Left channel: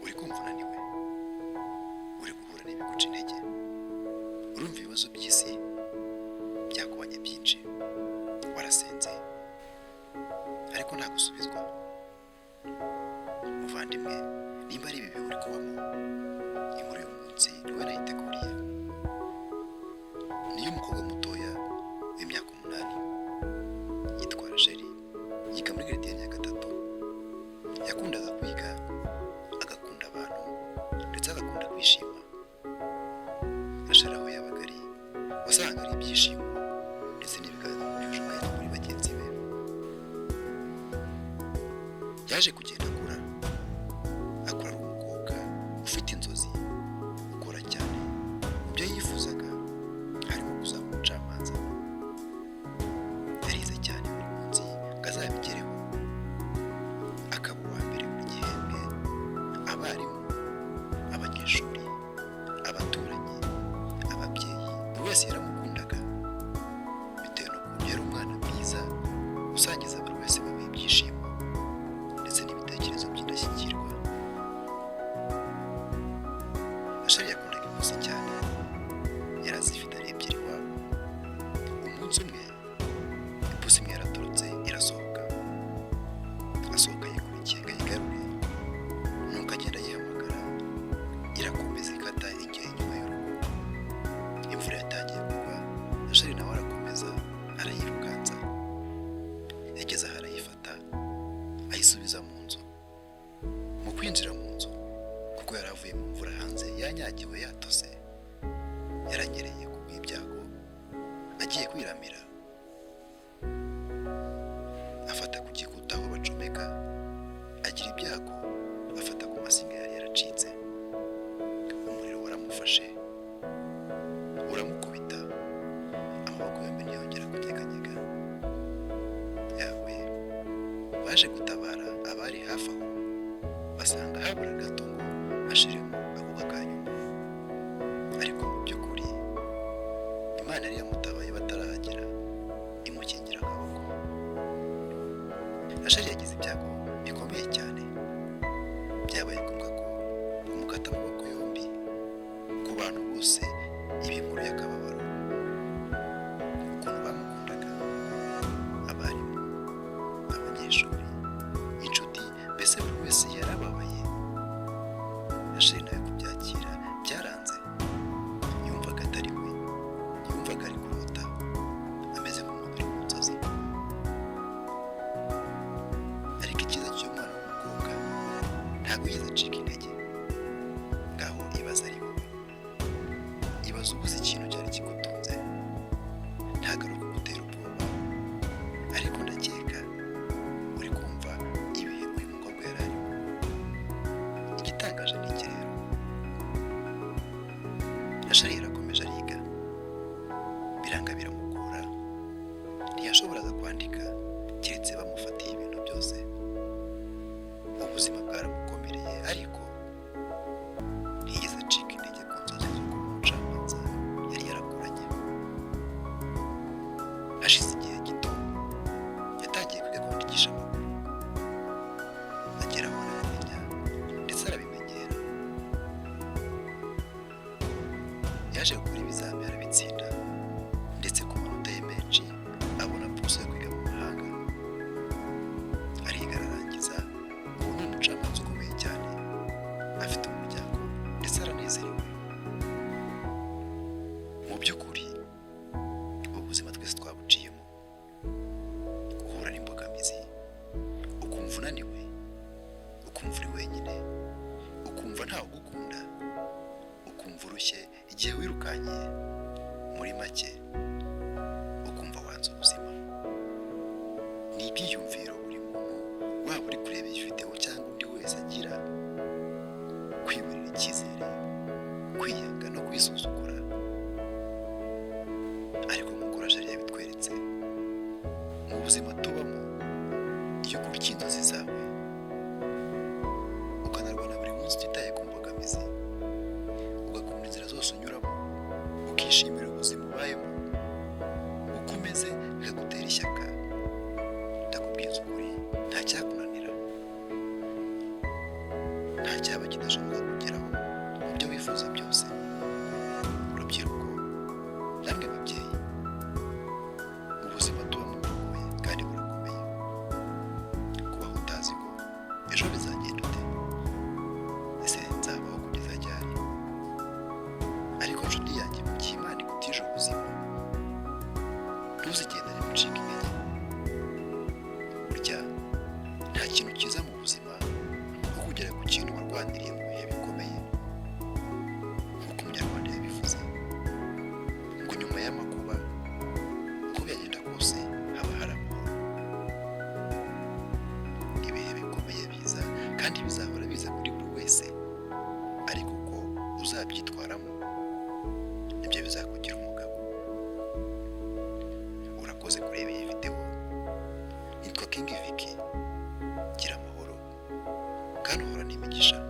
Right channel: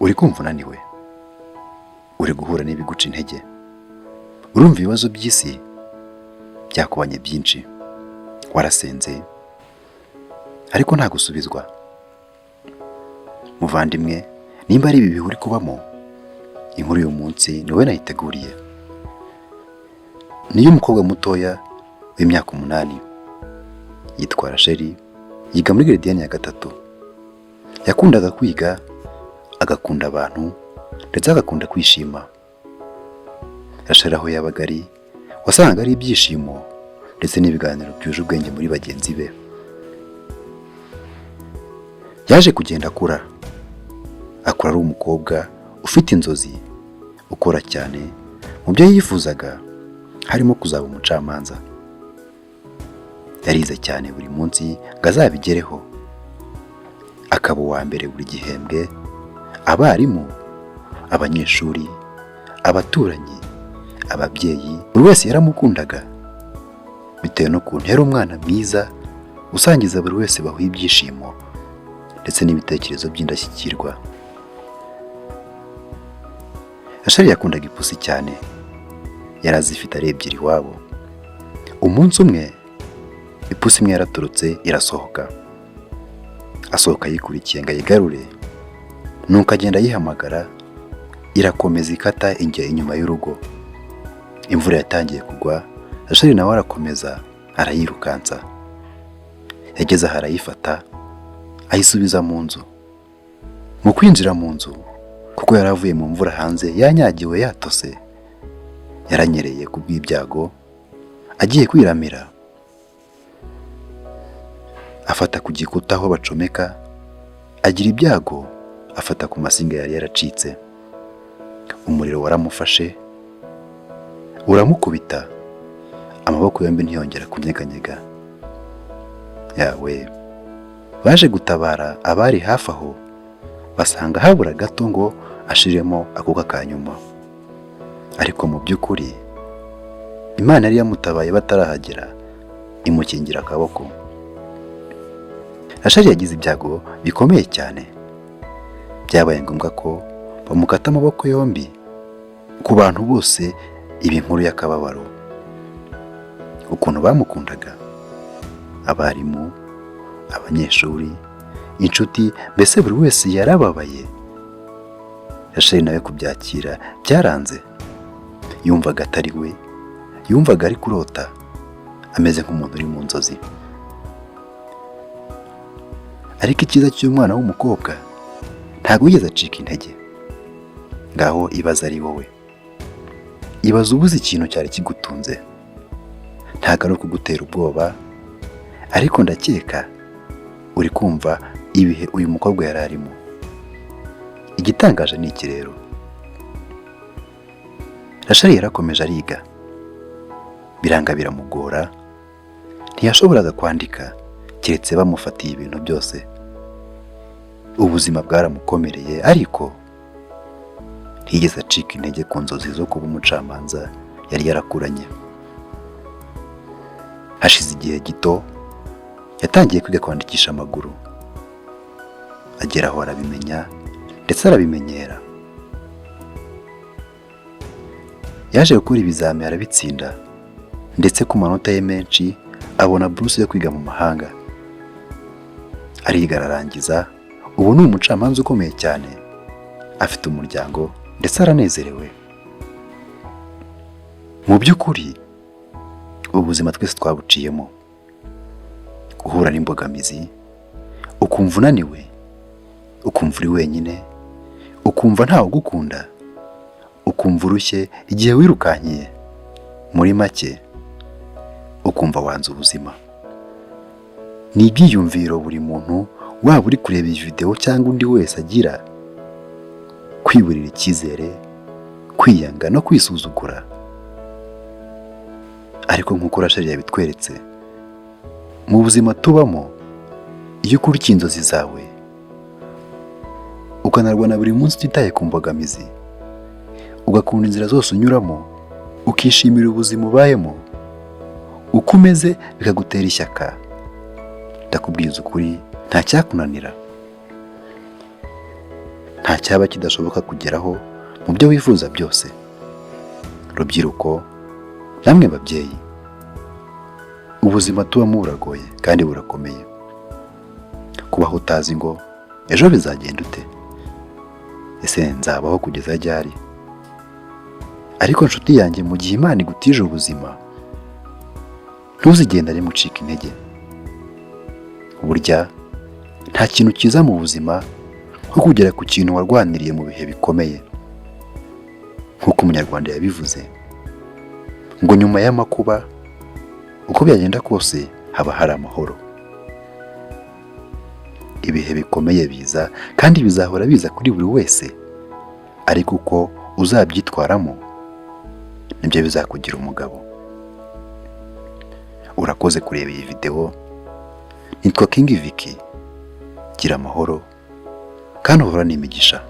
uri kumva unaniwe, uri guhura n'ibiguca intege, urumva ibibazo by'isi byakubanye byinshi, warasenze ariko nta gusubizwa. Muvandimwe, nimba ari ibi bihe uri kubamo, inkuru y'uyu munsi ni wowe nayiteguriye. Niyo umukobwa mutoya w'imyaka 8 yitwa Rachel, yiga muri Gradiyani ya 3. Yakundaga kwiga, agakunda abantu ndetse agakunda kwishima. Rachel aho yabaga ari, wasanga ari ibyishimo ndetse n'ibiganiro byuje ubwenge muri bagenzi be. Yaje kugenda akura ari umukobwa ufite inzozi, ukora cyane. Mu byo yifuzaga harimo kuzaba umucamanza. Yarize cyane buri munsi ngo azabigereho, akaba uwa mbere buri gihembwe. Abarimu, abanyeshuri, abaturanyi, ababyeyi, buri wese yaramukundaga bitewe n'ukuntu yari umwana mwiza usangiza buri wese bahuye ibyishimo ndetse n'ibitekerezo by'indashyikirwa. Rachel yakundaga ipusi cyane, yari azifite ari ebyiri iwabo. Umunsi umwe ipusi imwe yaraturutse irasohoka, asohoka yikurikiye ngo ayigarure, nuko agenda yihamagara, irakomeza ikata ijya inyuma y'urugo. Imvura yatangiye kugwa, Rachel nawe arakomeza arayirukansa. Yageze aho arayifata, ayisubiza mu nzu. Mu kwinjira mu nzu, kuko yari avuye mu mvura hanze yanyagiwe yatose, yaranyereye ku bw'ibyago, agiye kwiramira. Afata ku gikuta aho bacomeka, agira ibyago, afata ku masinga yari yaracitse. Umuriro waramufashe, uramukubita, amaboko yombi ntiyongera kunyeganyega. Yawe, baje gutabara abari hafi aho, basanga habura gato ngo ashiremo akuka ka nyuma. Ariko mu by'ukuri Imana yari yamutabaye batarahagera, imukingira akaboko. Rachel yagize ibyago bikomeye cyane, byabaye ngombwa ko bamukata amaboko yombi. Ku bantu bose ibi nkuru y'akababaro, ukuntu bamukundaga, abarimu, abanyeshuri, inshuti, mbese buri wese yarababaye. Rachel nawe kubyakira byaranze. Yumvaga atari we, yumvaga ari kurota, ameze nk'umuntu uri mu nzozi. Ariko icyiza cy'umwana w'umukobwa, ntabwo yigeze acika intege. Ngaho ibaza ari wowe, ibaza ubuze ikintu cyari kigutunze. Ntabwo ari ukugutera ubwoba, ariko ndakeka uri kumva ibihe uyu mukobwa yari arimo. Igitangaje ni iki rero, Rachel yarakomeje ariga, biranga biramugora, ntiyashoboraga kwandika keretse bamufatiye ibintu byose. Ubuzima bwaramukomereye, ariko ntiyigeze acika intege ku nzozi zo kuba umucamanza yari yarakuranye. Hashize igihe gito, yatangiye kwiga kwandikisha amaguru. Agera aho arabimenya ndetse arabimenyera. Yaje gukora ibizami arabitsinda, ndetse ku manota ye menshi abona buruse yo kwiga mu mahanga. Ariga ararangiza, ubu ni umucamanza ukomeye cyane, afite umuryango ndetse aranezerewe. Mu by'ukuri ubuzima twese twabuciyemo, guhura n'imbogamizi, ukumva unaniwe, ukumva uri wenyine, ukumva ntawe ugukunda, ukumva urushye igihe wirukankiye. Muri make ukumva wanze ubuzima. Ni ibyiyumviro buri muntu, waba uri kureba iyi video cyangwa undi wese agira, kwiburira icyizere, kwiyanga no kwisuzugura. Ariko nk'uko Rachel yabitweretse, mu buzima tubamo, iyo ukurikiye inzozi zawe, ukanarwana buri munsi utitaye ku mbogamizi, ugakunda inzira zose unyuramo, ukishimira ubuzima ubayemo, uko umeze bikagutera ishyaka, ndakubwiza ukuri nta cyakunanira. nta cyaba kidashoboka kugeraho mu byo wifuza byose. Rubyiruko, namwe babyeyi, ubuzima tubamo buragoye kandi burakomeye. Kubaho utazi ngo ejo bizagenda ute? Ese nzabaho kugeza ryari? Ariko nshuti yanjye, mu gihe Imana igutije ubuzima, ntuzigendane mucika intege. Burya nta kintu cyiza mu buzima nko kugera ku kintu warwaniriye mu bihe bikomeye. Nk'uko Umunyarwanda yabivuze ngo nyuma y'amakuba, uko byagenda kose haba hari amahoro. Ibihe bikomeye biza kandi bizahora biza kuri buri wese, ariko uko uzabyitwaramo nibyo bizakugira umugabo. Urakoze kureba iyi video. Nitwa King Vicky. Gira amahoro kandi uhorane imigisha.